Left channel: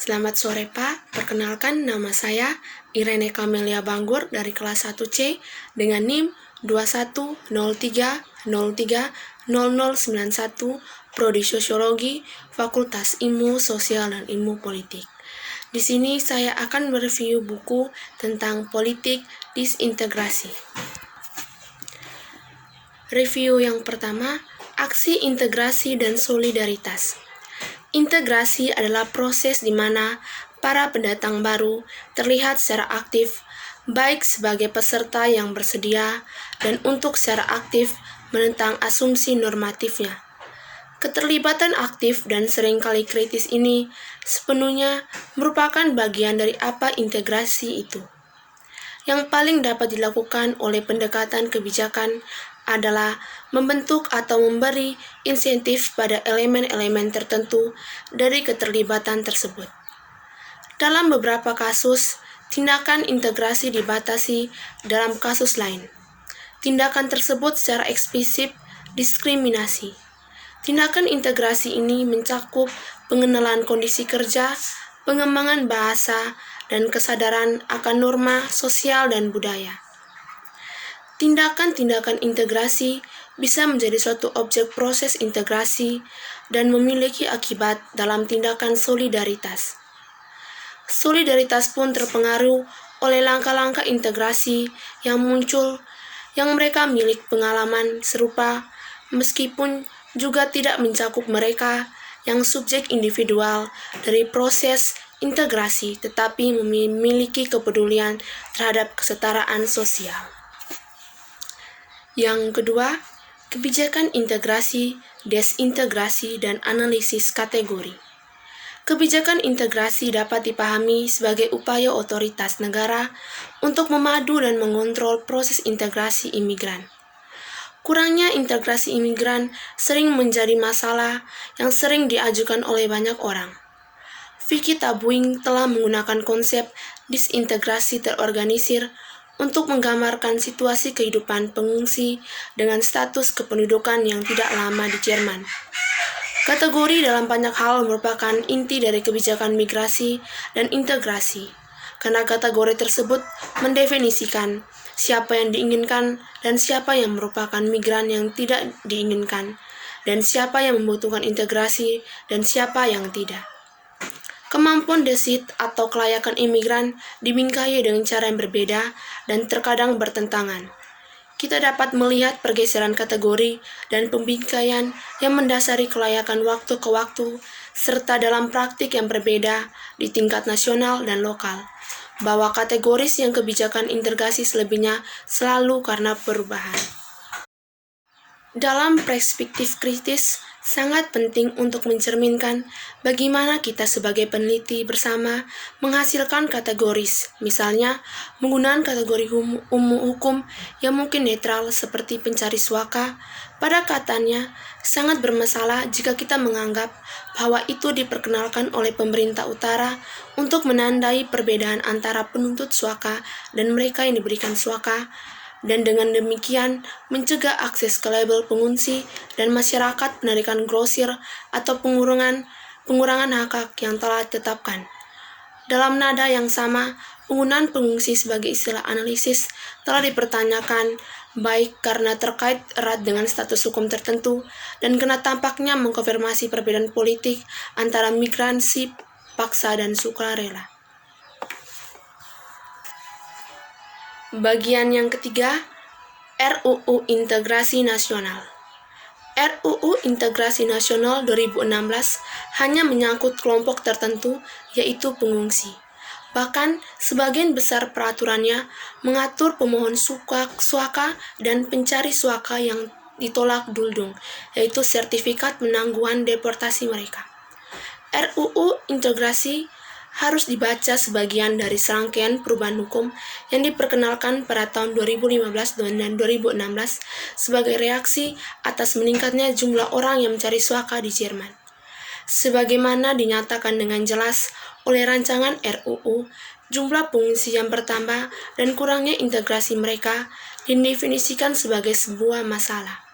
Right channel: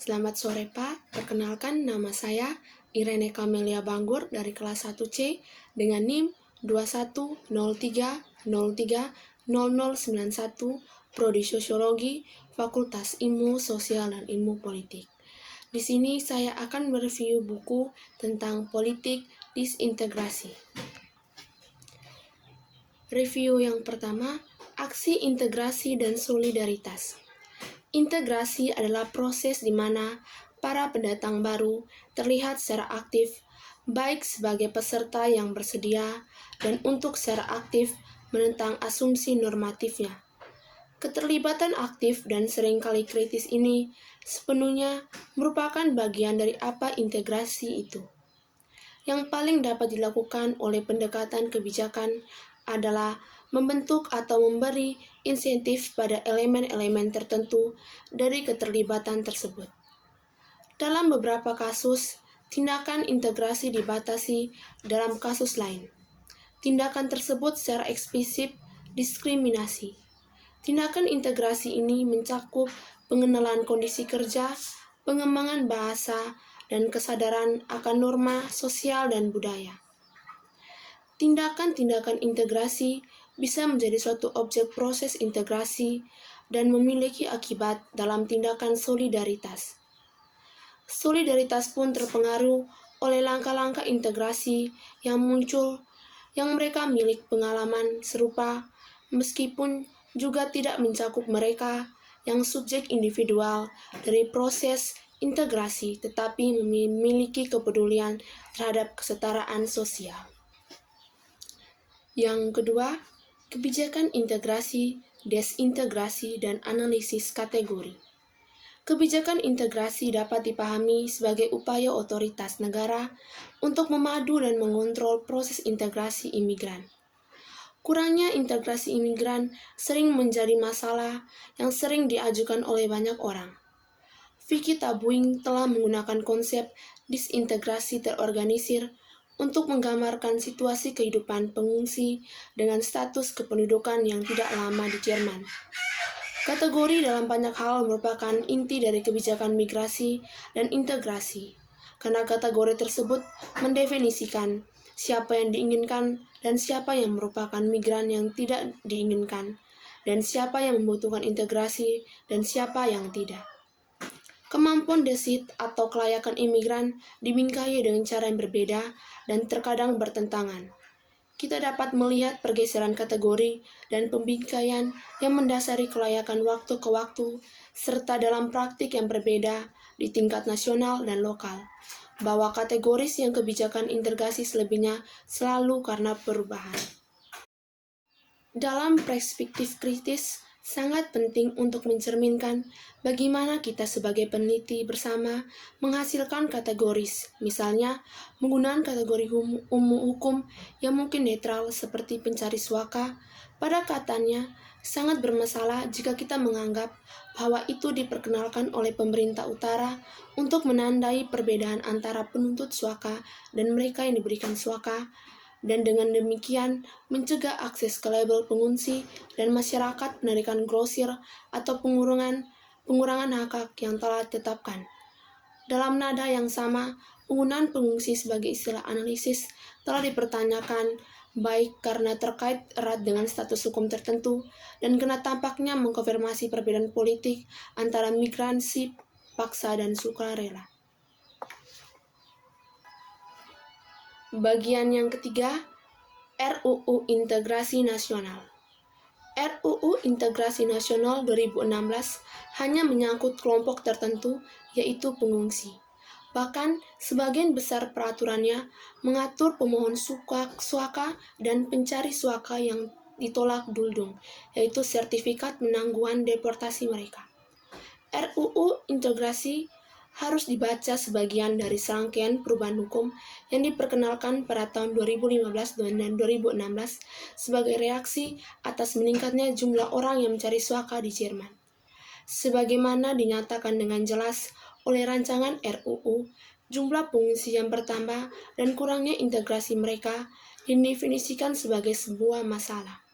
Selamat sore Pak, perkenalkan nama saya Irene Camelia Banggur dari kelas 1C dengan NIM 2103030091 Prodi Sosiologi Fakultas Ilmu Sosial dan Ilmu Politik. Di sini saya akan mereview buku tentang politik disintegrasi. Review yang pertama, aksi integrasi dan solidaritas. Integrasi adalah proses di mana para pendatang baru terlihat secara aktif, baik sebagai peserta yang bersedia dan untuk secara aktif menentang asumsi normatifnya. Keterlibatan aktif dan seringkali kritis ini sepenuhnya merupakan bagian dari apa integrasi itu. Yang paling dapat dilakukan oleh pendekatan kebijakan adalah membentuk atau memberi insentif pada elemen-elemen tertentu dari keterlibatan tersebut. Dalam beberapa kasus, tindakan integrasi dibatasi dalam kasus lain. Tindakan tersebut secara eksplisit diskriminasi. Tindakan integrasi ini mencakup pengenalan kondisi kerja, pengembangan bahasa, dan kesadaran akan norma sosial dan budaya. Tindakan-tindakan integrasi bisa menjadi suatu objek proses integrasi dan memiliki akibat dalam tindakan solidaritas. Solidaritas pun terpengaruh oleh langkah-langkah integrasi yang muncul yang mereka milik pengalaman serupa meskipun juga tidak mencakup mereka yang subjek individual dari proses integrasi tetapi memiliki kepedulian terhadap kesetaraan sosial. Yang kedua, kebijakan integrasi, desintegrasi, dan analisis kategori. Kebijakan integrasi dapat dipahami sebagai upaya otoritas negara untuk memadu dan mengontrol proses integrasi imigran. Kurangnya integrasi imigran sering menjadi masalah yang sering diajukan oleh banyak orang. Vicky Tabuing telah menggunakan konsep disintegrasi terorganisir untuk menggambarkan situasi kehidupan pengungsi dengan status kependudukan yang tidak lama di Jerman. Kategori dalam banyak hal merupakan inti dari kebijakan migrasi dan integrasi, karena kategori tersebut mendefinisikan siapa yang diinginkan dan siapa yang merupakan migran yang tidak diinginkan, dan siapa yang membutuhkan integrasi dan siapa yang tidak. Kemampuan desit atau kelayakan imigran dibingkai dengan cara yang berbeda dan terkadang bertentangan. Kita dapat melihat pergeseran kategori dan pembingkaian yang mendasari kelayakan waktu ke waktu, serta dalam praktik yang berbeda di tingkat nasional dan lokal, bahwa kategoris yang kebijakan integrasi selebihnya selalu karena perubahan. Dalam perspektif kritis, sangat penting untuk mencerminkan bagaimana kita sebagai peneliti bersama menghasilkan kategoris, misalnya menggunakan kategori hukum yang mungkin netral seperti pencari suaka. Pada katanya, sangat bermasalah jika kita menganggap bahwa itu diperkenalkan oleh pemerintah utara untuk menandai perbedaan antara penuntut suaka dan mereka yang diberikan suaka, dan dengan demikian mencegah akses ke label pengungsi dan masyarakat penarikan grosir atau pengurangan hak yang telah ditetapkan. Dalam nada yang sama, penggunaan pengungsi sebagai istilah analisis telah dipertanyakan baik karena terkait erat dengan status hukum tertentu dan karena tampaknya mengkonfirmasi perbedaan politik antara migrasi paksa dan sukarela. Bagian yang ketiga, RUU Integrasi Nasional. RUU Integrasi Nasional 2016 hanya menyangkut kelompok tertentu, yaitu pengungsi. Bahkan, sebagian besar peraturannya mengatur pemohon suaka dan pencari suaka yang ditolak duldung, yaitu sertifikat penangguhan deportasi mereka. RUU Integrasi harus dibaca sebagian dari serangkaian perubahan hukum yang diperkenalkan pada tahun 2015 dan 2016 sebagai reaksi atas meningkatnya jumlah orang yang mencari suaka di Jerman. Sebagaimana dinyatakan dengan jelas oleh rancangan RUU, jumlah pengungsi yang bertambah dan kurangnya integrasi mereka didefinisikan sebagai sebuah masalah.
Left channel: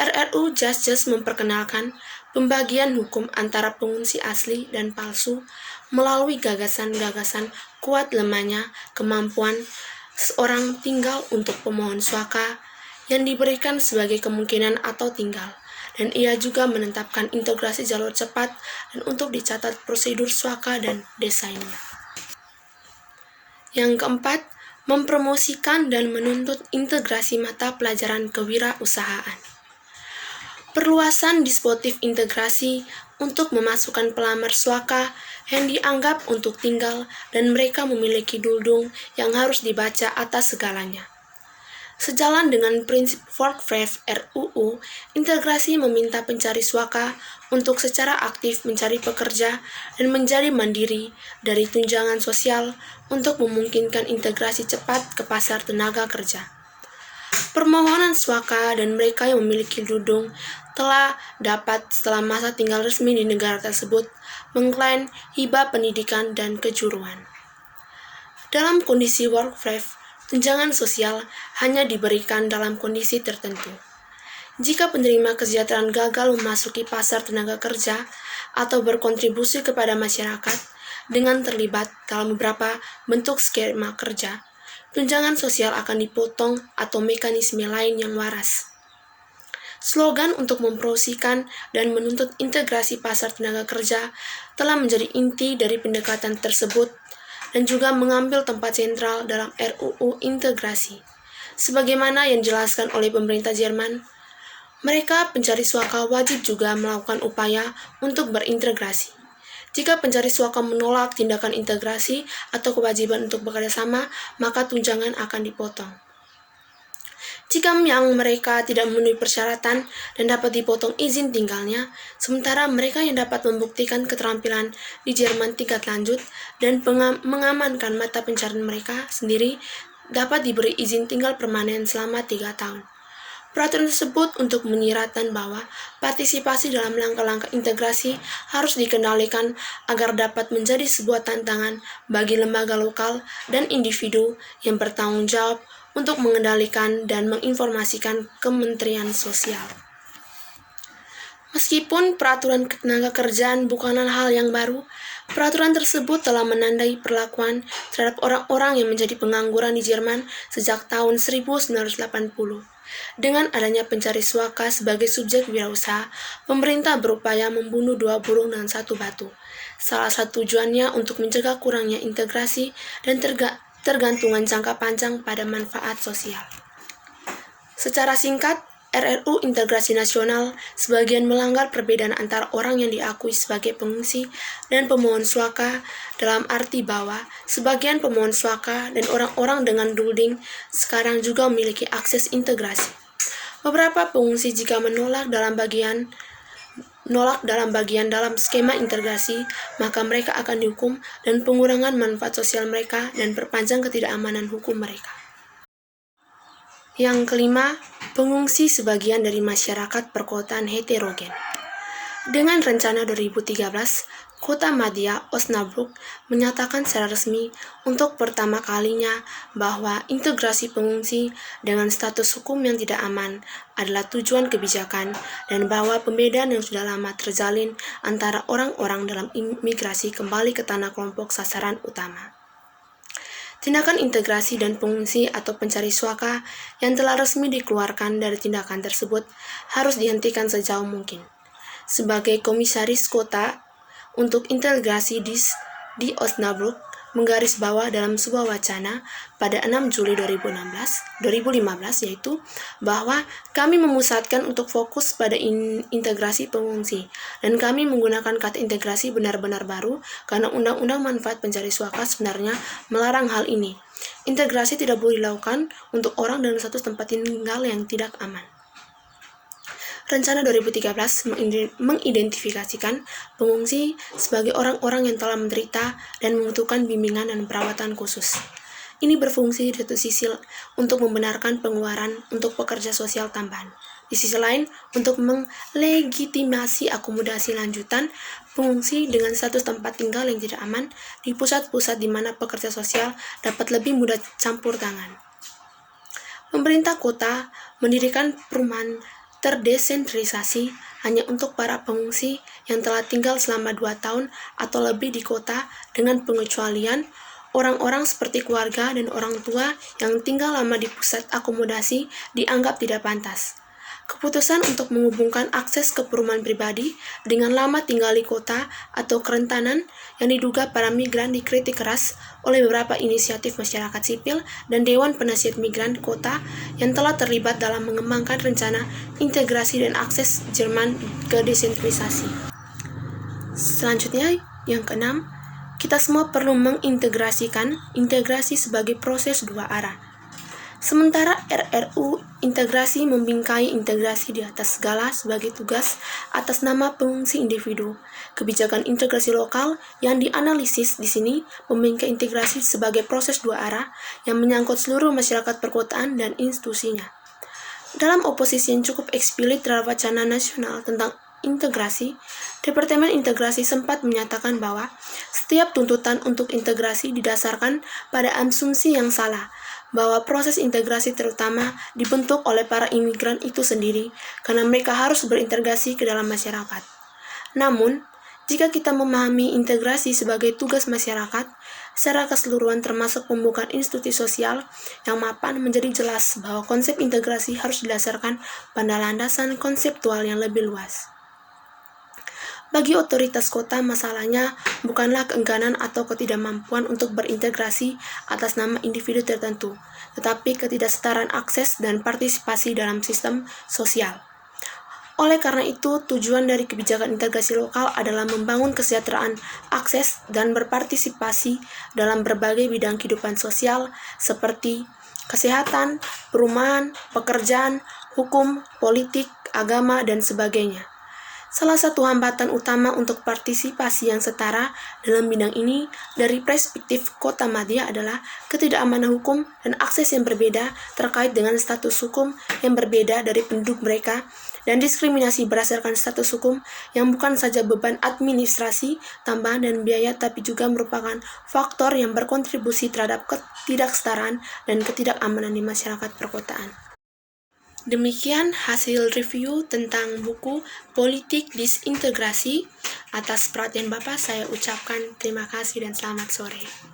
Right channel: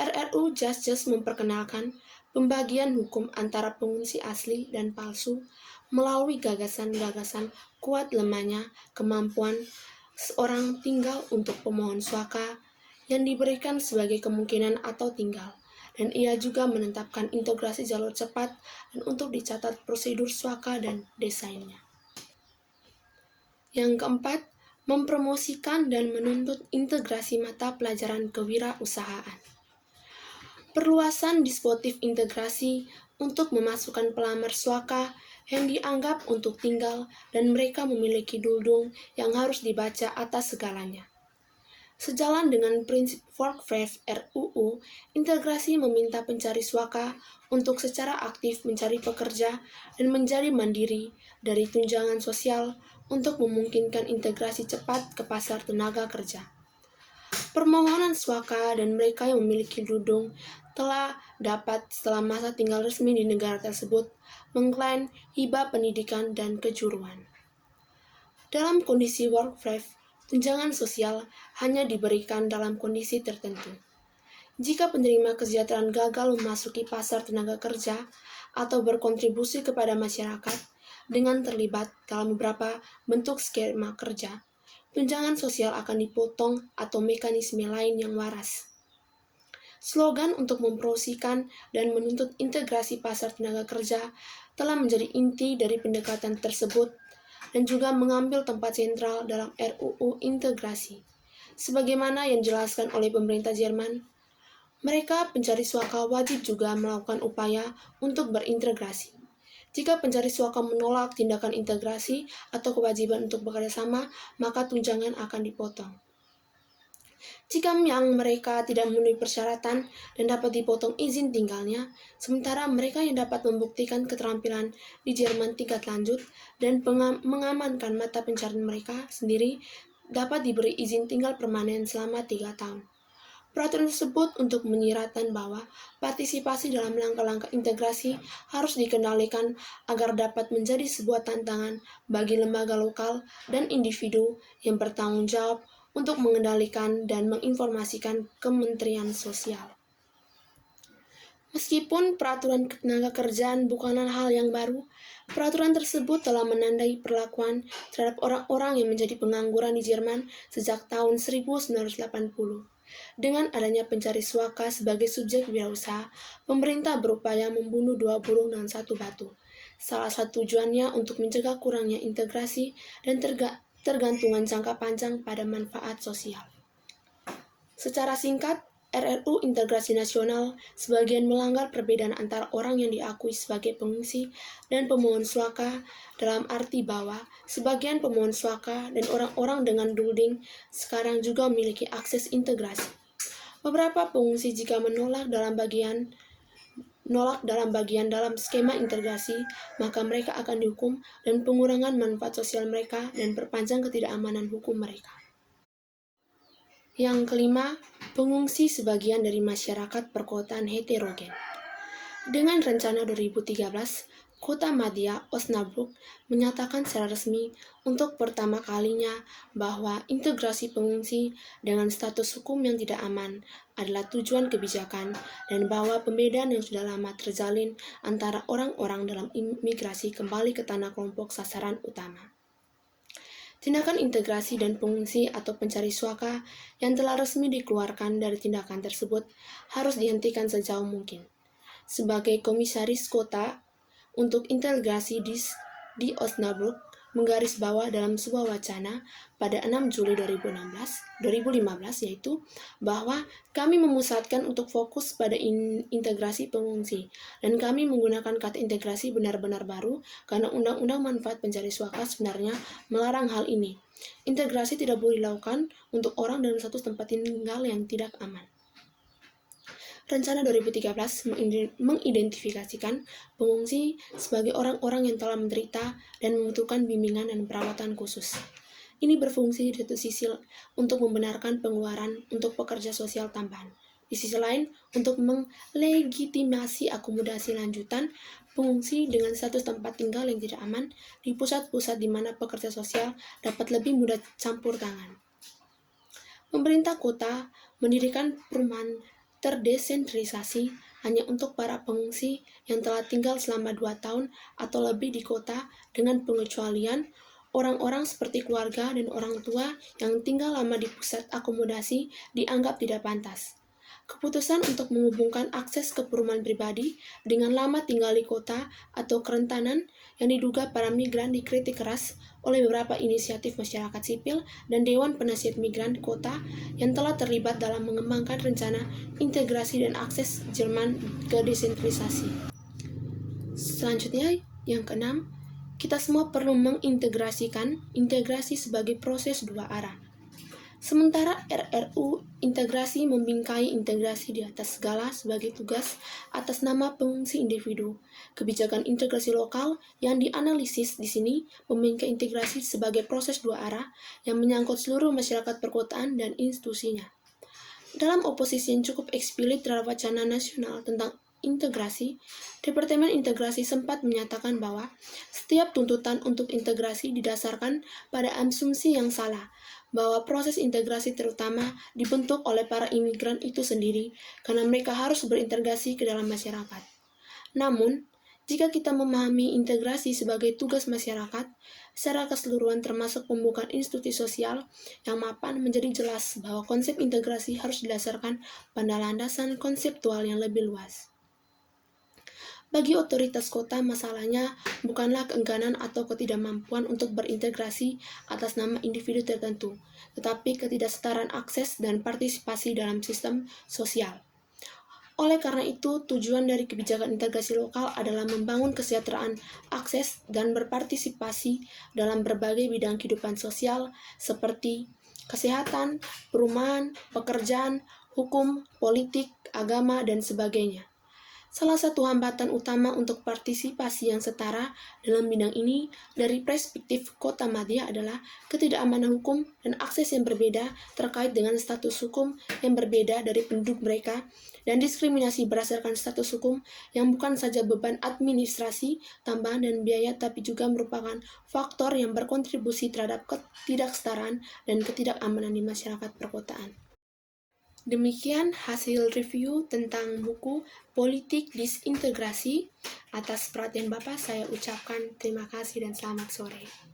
RRU Just memperkenalkan pembagian hukum antara pengungsi asli dan palsu melalui gagasan-gagasan kuat lemahnya kemampuan seorang tinggal untuk pemohon suaka yang diberikan sebagai kemungkinan atau tinggal, dan ia juga menetapkan integrasi jalur cepat dan untuk dicatat prosedur suaka dan desainnya. Yang keempat, mempromosikan dan menuntut integrasi mata pelajaran kewirausahaan. Perluasan dispositif integrasi untuk memasukkan pelamar suaka yang dianggap untuk tinggal dan mereka memiliki duldung yang harus dibaca atas segalanya. Sejalan dengan prinsip WordPress RUU, integrasi meminta pencari suaka untuk secara aktif mencari pekerja dan menjadi mandiri dari tunjangan sosial untuk memungkinkan integrasi cepat ke pasar tenaga kerja. Permohonan suaka dan mereka yang memiliki duldung telah dapat setelah masa tinggal resmi di negara tersebut mengklaim hibah pendidikan dan kejuruan. Dalam kondisi WordPress, tunjangan sosial hanya diberikan dalam kondisi tertentu. Jika penerima kesejahteraan gagal memasuki pasar tenaga kerja atau berkontribusi kepada masyarakat dengan terlibat dalam beberapa bentuk skema kerja, tunjangan sosial akan dipotong atau mekanisme lain yang waras. Slogan untuk mempromosikan dan menuntut integrasi pasar tenaga kerja telah menjadi inti dari pendekatan tersebut dan juga mengambil tempat sentral dalam RUU integrasi. Sebagaimana yang dijelaskan oleh pemerintah Jerman, mereka pencari suaka wajib juga melakukan upaya untuk berintegrasi. Jika pencari suaka menolak tindakan integrasi atau kewajiban untuk bekerja sama, maka tunjangan akan dipotong. Jika yang mereka tidak memenuhi persyaratan dan dapat dipotong izin tinggalnya, sementara mereka yang dapat membuktikan keterampilan di Jerman tingkat lanjut dan mengamankan mata pencarian mereka sendiri dapat diberi izin tinggal permanen selama 3 tahun. Peraturan tersebut untuk menyiratkan bahwa partisipasi dalam langkah-langkah integrasi harus dikendalikan agar dapat menjadi sebuah tantangan bagi lembaga lokal dan individu yang bertanggung jawab untuk mengendalikan dan menginformasikan Kementerian Sosial. Meskipun peraturan ketenaga kerjaan bukanlah hal yang baru, peraturan tersebut telah menandai perlakuan terhadap orang-orang yang menjadi pengangguran di Jerman sejak tahun 1980. Dengan adanya pencari suaka sebagai subjek wirausaha, pemerintah berupaya membunuh 2 burung dengan 1 batu. Salah satu tujuannya untuk mencegah kurangnya integrasi dan tergantungan jangka panjang pada manfaat sosial. Secara singkat, RRU Integrasi Nasional sebagian melanggar perbedaan antara orang yang diakui sebagai pengungsi dan pemohon suaka dalam arti bahwa sebagian pemohon suaka dan orang-orang dengan dulding sekarang juga memiliki akses integrasi. Beberapa pengungsi jika menolak dalam bagian dalam skema integrasi, maka mereka akan dihukum dan pengurangan manfaat sosial mereka dan perpanjang ketidakamanan hukum mereka. Yang kelima, pengungsi sebagian dari masyarakat perkotaan heterogen. Dengan rencana 2013, Kota Madya Osnabrück menyatakan secara resmi untuk pertama kalinya bahwa integrasi pengungsi dengan status hukum yang tidak aman adalah tujuan kebijakan dan bahwa pembedaan yang sudah lama terjalin antara orang-orang dalam imigrasi kembali ke tanah kelompok sasaran utama. Tindakan integrasi dan pengungsi atau pencari suaka yang telah resmi dikeluarkan dari tindakan tersebut harus dihentikan sejauh mungkin. Sebagai komisaris kota untuk integrasi di Osnabrück menggarisbawah dalam sebuah wacana pada 6 Juli 2015 yaitu bahwa kami memusatkan untuk fokus pada integrasi pengungsi dan kami menggunakan kata integrasi benar-benar baru karena Undang-Undang Manfaat Pencari Suaka sebenarnya melarang hal ini. Integrasi tidak boleh dilakukan untuk orang dalam status tempat tinggal yang tidak aman. Rencana 2013 mengidentifikasikan pengungsi sebagai orang-orang yang telah menderita dan membutuhkan bimbingan dan perawatan khusus. Ini berfungsi di satu sisi untuk membenarkan pengeluaran untuk pekerja sosial tambahan. Di sisi lain, untuk melegitimasi akomodasi lanjutan pengungsi dengan status tempat tinggal yang tidak aman di pusat-pusat di mana pekerja sosial dapat lebih mudah campur tangan. Pemerintah kota mendirikan perumahan terdesentralisasi hanya untuk para pengungsi yang telah tinggal selama 2 tahun atau lebih di kota, dengan pengecualian orang-orang seperti keluarga dan orang tua yang tinggal lama di pusat akomodasi dianggap tidak pantas. Keputusan untuk menghubungkan akses ke perumahan pribadi dengan lama tinggal di kota atau kerentanan yang diduga para migran dikritik keras oleh beberapa inisiatif masyarakat sipil dan Dewan Penasihat Migran Kota yang telah terlibat dalam mengembangkan rencana integrasi dan akses Jerman ke desentralisasi. Selanjutnya, yang keenam, kita semua perlu mengintegrasikan integrasi sebagai proses dua arah. Sementara RRU integrasi membingkai integrasi di atas segala sebagai tugas atas nama pengungsi individu. Kebijakan integrasi lokal yang dianalisis di sini membingkai integrasi sebagai proses dua arah yang menyangkut seluruh masyarakat perkotaan dan institusinya. Dalam oposisi yang cukup eksplisit terhadap wacana nasional tentang integrasi, Departemen Integrasi sempat menyatakan bahwa setiap tuntutan untuk integrasi didasarkan pada asumsi yang salah, bahwa proses integrasi terutama dibentuk oleh para imigran itu sendiri karena mereka harus berintegrasi ke dalam masyarakat. Namun, jika kita memahami integrasi sebagai tugas masyarakat secara keseluruhan termasuk pembukaan institusi sosial yang mapan, menjadi jelas bahwa konsep integrasi harus didasarkan pada landasan konseptual yang lebih luas. Bagi otoritas kota, masalahnya bukanlah keengganan atau ketidakmampuan untuk berintegrasi atas nama individu tertentu, tetapi ketidaksetaraan akses dan partisipasi dalam sistem sosial. Oleh karena itu, tujuan dari kebijakan integrasi lokal adalah membangun kesejahteraan, akses, dan berpartisipasi dalam berbagai bidang kehidupan sosial seperti kesehatan, perumahan, pekerjaan, hukum, politik, agama, dan sebagainya. Salah satu hambatan utama untuk partisipasi yang setara dalam bidang ini dari perspektif Kota Madia adalah ketidakamanan hukum dan akses yang berbeda terkait dengan status hukum yang berbeda dari penduduk mereka, dan diskriminasi berdasarkan status hukum yang bukan saja beban administrasi, tambahan, dan biaya, tapi juga merupakan faktor yang berkontribusi terhadap ketidaksetaraan dan ketidakamanan di masyarakat perkotaan. Demikian hasil review tentang buku Politik Disintegrasi. Atas perhatian Bapak, saya ucapkan terima kasih dan selamat sore.